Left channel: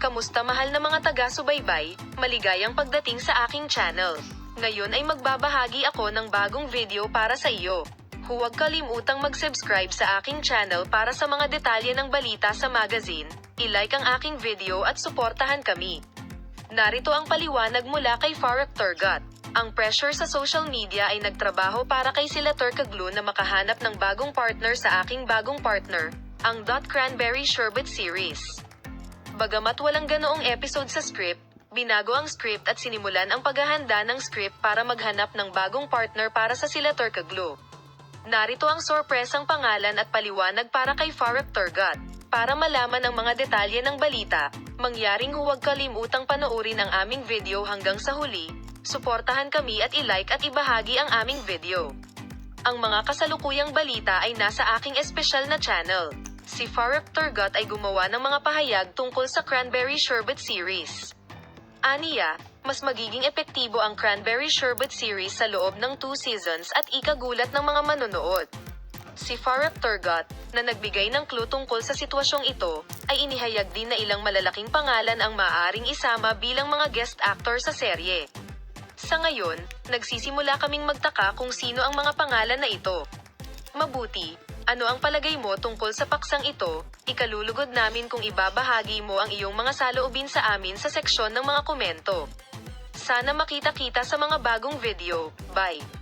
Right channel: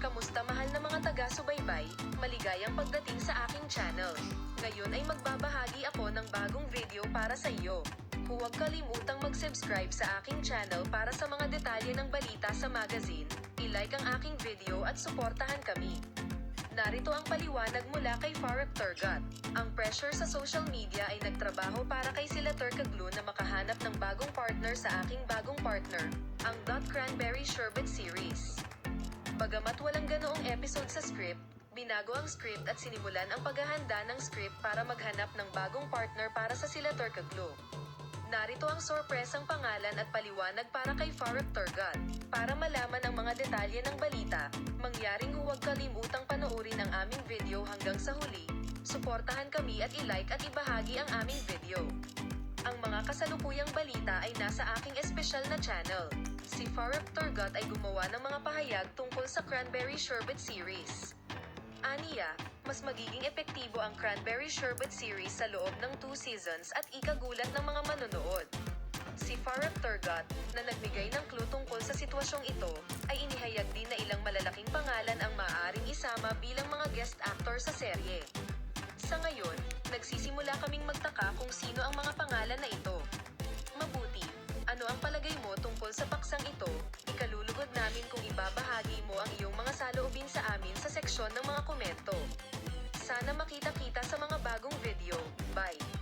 Kamusta mahal na mga taga-subaybay, maligayang pagdating sa aking channel. Ngayon ay magbabahagi ako ng bagong video para sa iyo. Huwag kalimutang mag-subscribe sa aking channel para sa mga detalye ng balita sa magazine, i-like ang aking video at suportahan kami. Narito ang paliwanag mula kay Farrokh Turgot. Ang pressure sa social media ay nagtrabaho para kay sila Turkoglu na makahanap ng bagong partner sa aking bagong partner, ang Cranberry Sherbet series. Bagamat walang ganoong episode sa script, binago ang script at sinimulan ang paghahanda ng script para maghanap ng bagong partner para sa sila Turkoglu. Narito ang sorpresang pangalan at paliwanag para kay Farrokh Turgot. Para malaman ang mga detalye ng balita, mangyaring huwag kalimutang panoorin ang aming video hanggang sa huli, suportahan kami at i-like at ibahagi ang aming video. Ang mga kasalukuyang balita ay nasa aking espesyal na channel. Si Farrokh Turgot ay gumawa ng mga pahayag tungkol sa Cranberry Sherbet series. Aniya, mas magiging epektibo ang Cranberry Sherbet series sa loob ng 2 seasons at ikagulat ng mga manonood. Si Farrokh Turgot, na nagbigay ng clue tungkol sa sitwasyong ito, ay inihayag din na ilang malalaking pangalan ang maaaring isama bilang mga guest actor sa serye. Sa ngayon, nagsisimula kaming magtaka kung sino ang mga pangalan na ito. Mabuti, ano ang palagay mo tungkol sa paksang ito? Ikalulugod namin kung ibabahagi mo ang iyong mga saloobin sa amin sa seksyon ng mga komento. Sana makita-kita sa mga bagong video. Bye!